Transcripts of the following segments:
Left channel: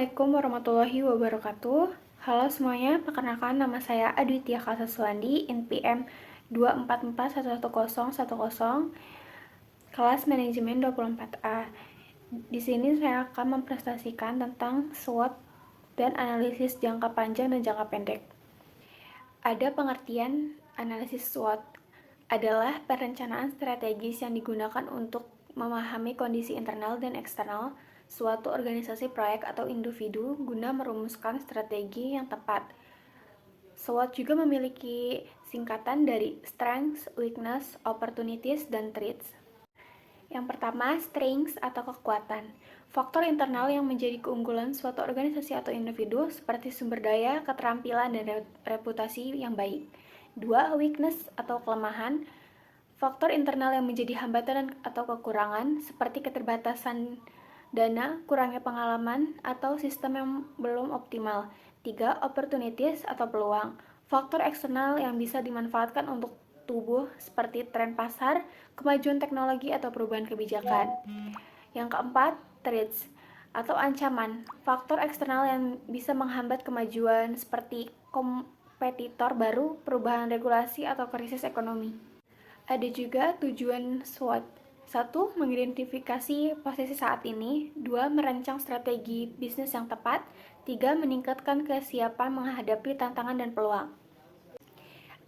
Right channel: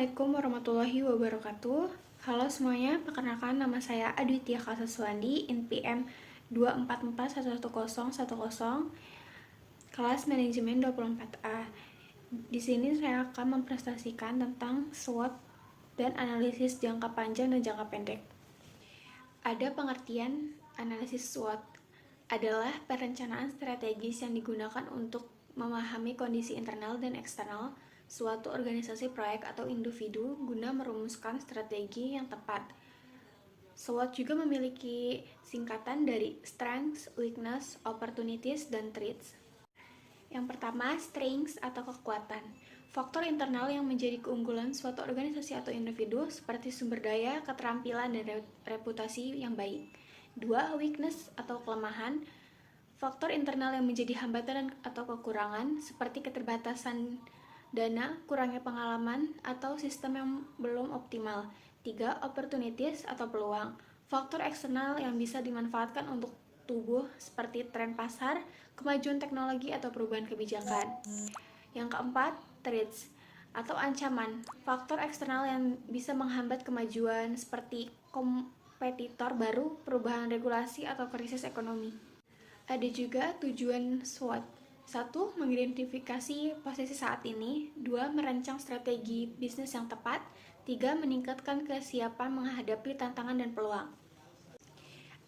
Assalamualaikum warahmatullahi wabarakatuh. Halo semuanya, perkenalkan nama saya Aditya Kalsaswandi, NPM 244111010, kelas manajemen 24A. Di sini saya akan mempresentasikan tentang SWOT dan analisis jangka panjang dan jangka pendek. Ada pengertian analisis SWOT adalah perencanaan strategis yang digunakan untuk memahami kondisi internal dan eksternal suatu organisasi, proyek, atau individu guna merumuskan strategi yang tepat. SWOT juga memiliki singkatan dari Strengths, Weakness, Opportunities, dan Threats. Yang pertama, strengths atau kekuatan. Faktor internal yang menjadi keunggulan suatu organisasi atau individu seperti sumber daya, keterampilan, dan reputasi yang baik. 2. Weakness atau kelemahan. Faktor internal yang menjadi hambatan atau kekurangan seperti keterbatasan dana, kurangnya pengalaman, atau sistem yang belum optimal. 3. Opportunities atau peluang. Faktor eksternal yang bisa dimanfaatkan untuk tubuh seperti tren pasar, kemajuan teknologi, atau perubahan kebijakan. Yang keempat, threats atau ancaman. Faktor eksternal yang bisa menghambat kemajuan seperti kompetitor baru, perubahan regulasi, atau krisis ekonomi. Ada juga tujuan SWOT. 1. Mengidentifikasi posisi saat ini. 2. Merancang strategi bisnis yang tepat. 3. Meningkatkan kesiapan menghadapi tantangan dan peluang.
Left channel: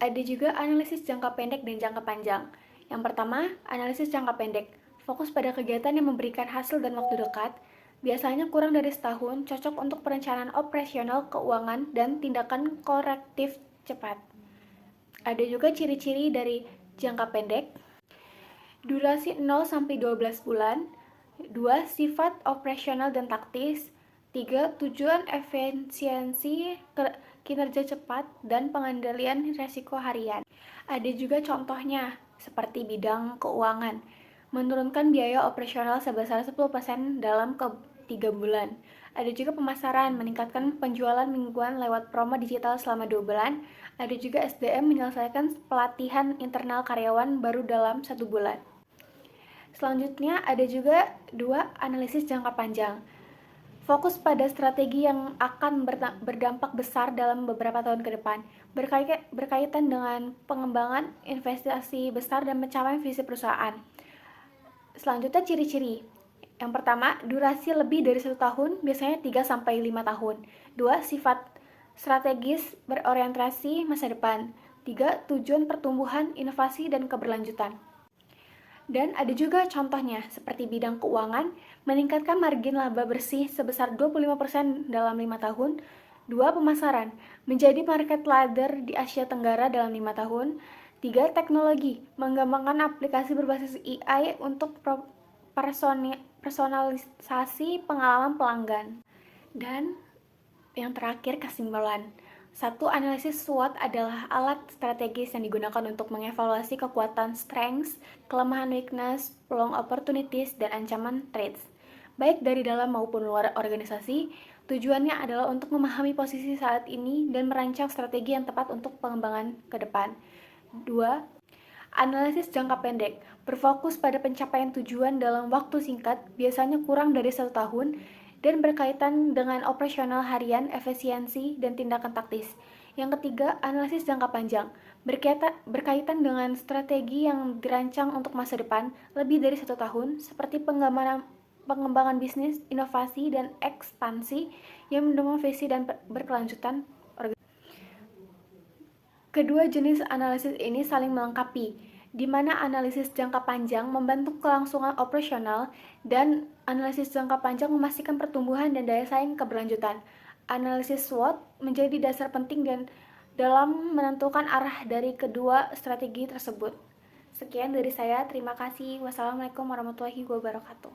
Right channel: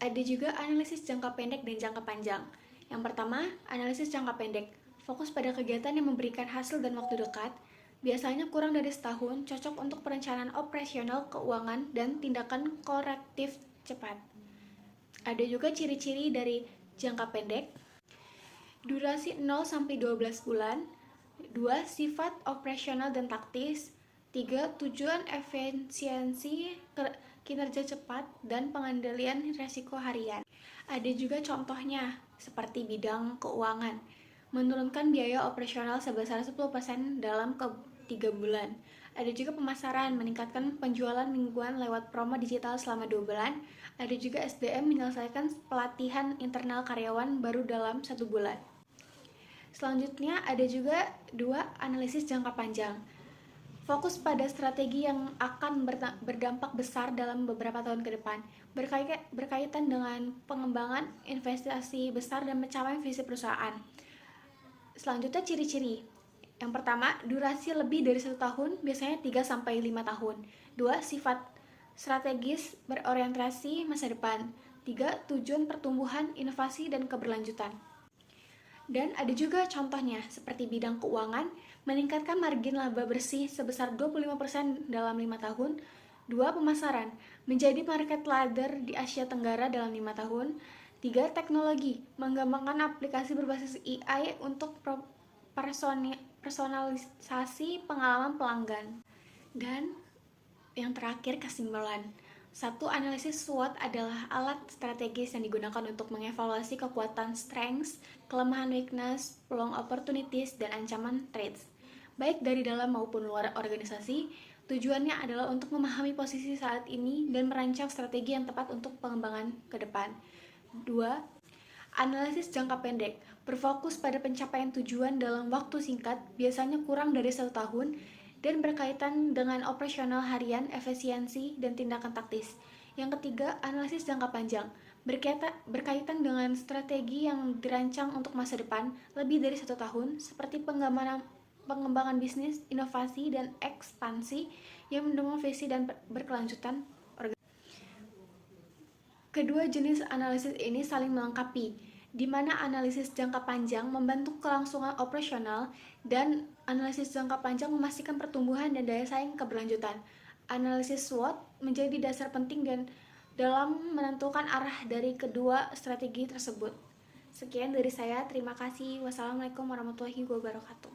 Ada juga analisis jangka pendek dan jangka panjang. Yang pertama, analisis jangka pendek. Fokus pada kegiatan yang memberikan hasil dan waktu dekat. Biasanya kurang dari setahun, cocok untuk perencanaan operasional, keuangan, dan tindakan korektif cepat. Ada juga ciri-ciri dari jangka pendek. Durasi 0-12 bulan. 2. Sifat operasional dan taktis. 3. Tujuan efisiensi, kinerja cepat, dan pengendalian risiko harian. Ada juga contohnya, seperti bidang keuangan. Menurunkan biaya operasional sebesar 10% dalam 3 bulan. Ada juga pemasaran, meningkatkan penjualan mingguan lewat promo digital selama 2 bulan. Ada juga SDM, menyelesaikan pelatihan internal karyawan baru dalam 1 bulan. Selanjutnya ada juga 2. Analisis jangka panjang. Fokus pada strategi yang akan berdampak besar dalam beberapa tahun ke depan, berkaitan dengan pengembangan investasi besar dan pencapaian visi perusahaan. Selanjutnya ciri-ciri. Yang pertama, durasi lebih dari 1 tahun, biasanya 3-5 tahun. 2. Sifat strategis berorientasi masa depan. 3. Tujuan pertumbuhan, inovasi, dan keberlanjutan. Dan ada juga contohnya, seperti bidang keuangan, meningkatkan margin laba bersih sebesar 25% dalam 5 tahun. 2. Pemasaran, menjadi market leader di Asia Tenggara dalam 5 tahun. 3. Teknologi, mengembangkan aplikasi berbasis AI untuk personalisasi pengalaman pelanggan. Dan yang terakhir, kesimpulan. 1. Analisis SWOT adalah alat strategis yang digunakan untuk mengevaluasi kekuatan strengths, kelemahan weakness, peluang opportunities, dan ancaman threats, baik dari dalam maupun luar organisasi. Tujuannya adalah untuk memahami posisi saat ini dan merancang strategi yang tepat untuk pengembangan ke depan. 2. Analisis jangka pendek berfokus pada pencapaian tujuan dalam waktu singkat, biasanya kurang dari 1 tahun, dan berkaitan dengan operasional harian, efisiensi, dan tindakan taktis. Yang ketiga, analisis jangka panjang berkaitan dengan strategi yang dirancang untuk masa depan lebih dari 1 tahun, seperti pengembangan bisnis, inovasi, dan ekspansi yang mendukung visi dan berkelanjutan. Kedua jenis analisis ini saling melengkapi, di mana analisis jangka panjang membantu kelangsungan operasional dan analisis jangka panjang memastikan pertumbuhan dan daya saing keberlanjutan. Analisis SWOT menjadi dasar penting dan dalam menentukan arah dari kedua strategi tersebut. Sekian dari saya, terima kasih. Wassalamualaikum warahmatullahi wabarakatuh.